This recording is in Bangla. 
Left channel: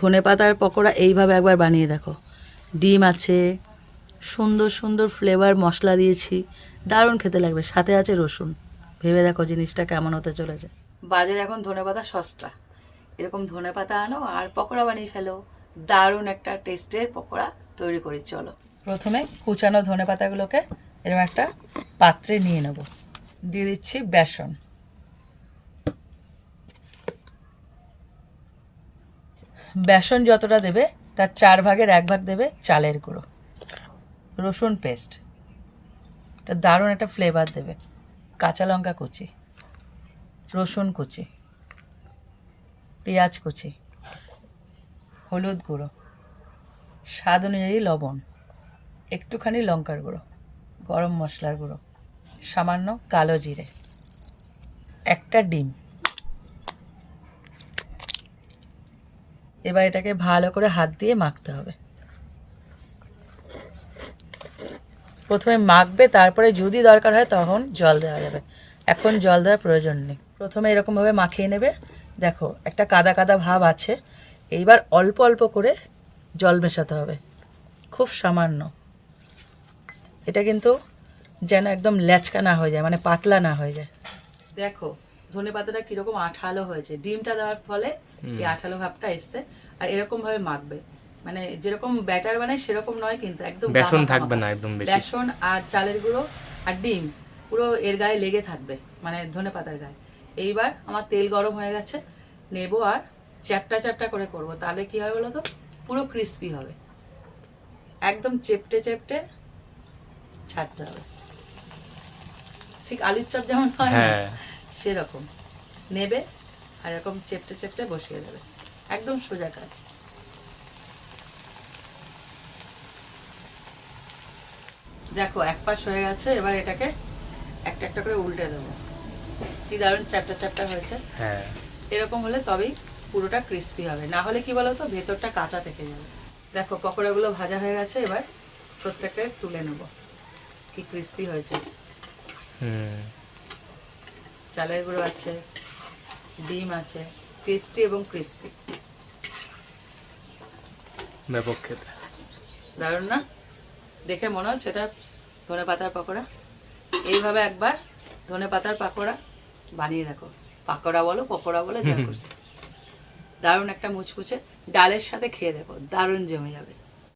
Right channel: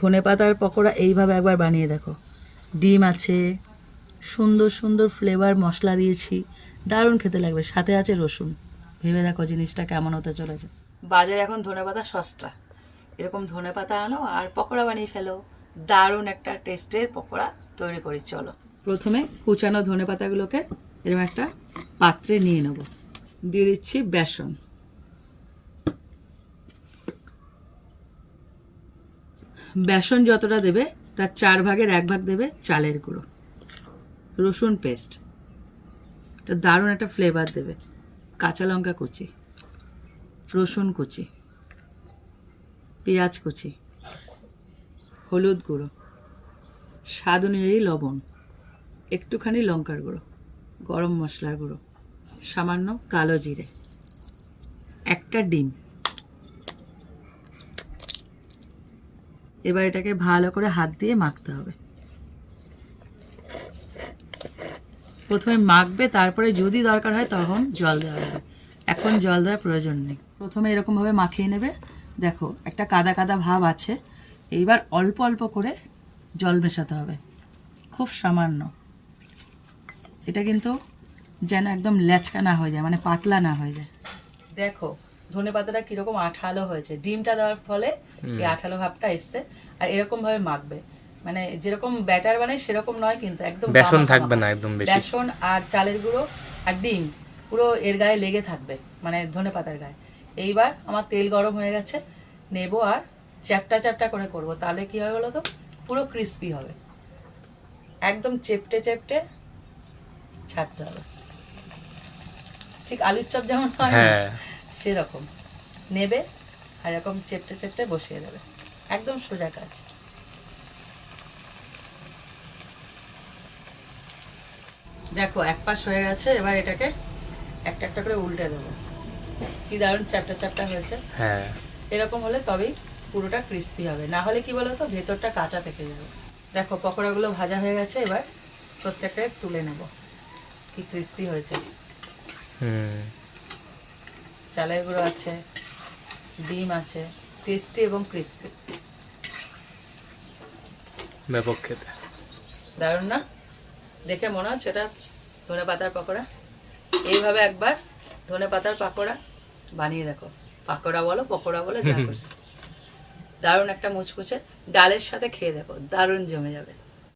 ধনেপাতার পকোড়া এইভাবে একবার বানিয়ে দেখো। ডিম আছে, সুন্দর সুন্দর ফ্লেভার মশলা দিয়েছি, দারুণ খেতে লাগবে। সাথে আছে রসুন। ভেবে দেখো জিনিসটা কেমন হতে চলেছে। বাজারে এখন ধনেপাতা সস্তা, এরকম ধনেপাতা আনো আর পকোড়া বানিয়ে ফেলো। দারুণ একটা টেস্টের পকোড়া তৈরি করি। চলো, প্রথমে কুচানো ধনেপাতাগুলোকে এরকম একটা পাত্রে নিয়ে নেব। দিয়ে দিচ্ছি বেসন, বেসন যতটা দেবে তার 4 ভাগের 1 ভাগ দেবে চালের গুঁড়ো, রসুন পেস্ট, এটা দারুণ একটা ফ্লেভার দেবে, কাঁচা লঙ্কা কুচি, রসুন কুচি, পেঁয়াজ কুচি, হলুদ গুঁড়ো, স্বাদ অনুযায়ী লবণ, একটুখানি লঙ্কার গুঁড়ো, গরম মশলার গুঁড়ো, সামান্য কালো জিরে, একটা ডিম। এবার এটাকে ভালো করে হাত দিয়ে মাখতে হবে। প্রথমে মাখবে, তারপরে যদি দরকার হয় তখন জল দেওয়া যাবে, এখন জল দেওয়ার প্রয়োজন নেই। প্রথমে এরকমভাবে মাখিয়ে নেবে। দেখো একটা কাদা কাদা ভাব আছে, এইবার অল্প অল্প করে জল মেশাতে হবে, খুব সামান্য। এটা কিন্তু যেন একদম ল্যাচকা না হয়ে যায়, মানে পাতলা না হয়ে যায়। দেখো ধনেপাতাটা কিরকম আঠালো হয়েছে, ডিমটা দেওয়ার ফলে এই আঠালো ভাবটা এসছে। আর এরকম ভাবে মাখবে, মানে যেরকম ব্যাটার বানায় সেরকম নয়, কিন্তু একদম বেসন থাকবে না একদম বেশি। বেসন আর চালের গুঁড়ো আর ডিম পুরো এর গায়ে লেগে থাকবে, মানে ধনেপাতার গায়ে। এইবার আমার তেল গরম হয়ে গেছে, নেবো আর চ্যাপটা চ্যাপটা করে করব, তাহলে কি হয় বলো তো, পুরো ক্রিস্পি হবে। একদম চেপটে চেপটে ছাড়তে হবে, ঠিক আলুর চপ যেমন হয় না, সেরকম নেবে আর এরকম চেপটে চেপটে বসিয়ে দেবে, একদম সোজা কাজ। দেখো এক পাশ হয়ে গেছে, এবার এটাকে একটা একটা করে উল্টে দেবো। কি দারুণ চ্যাপটা চ্যাপটা হয়েছে। এরকম হলে তবেই পুরোটা ক্রিস্পি হবে, না হলে কি বলতো ভেতরটা কাঁচা থেকে যাবে। দেখো পকোড়াগুলো ভাজা হয়ে গেছে, এবার প্রত্যেকটা তুলে নেব। কি ক্রিস্পি হয়েছে, চালের গুঁড়ো আছে, ডিম আছে, টেস্টি এবং ক্রিস্পি, ব্যাপক খেতে দারুণ না? দেখে মনে হচ্ছে এটা ধনে পাতার পকোড়া। এইভাবে একবার ধনে পাতার পকোড়া বানিয়ে দেখো, পাকোড়া বলো পকোড়া বলো যা খুশি। দারুণ একটা মুচকুচে ডালের সাথে খেয়ে দেখো, দারুণ জমে যাবে।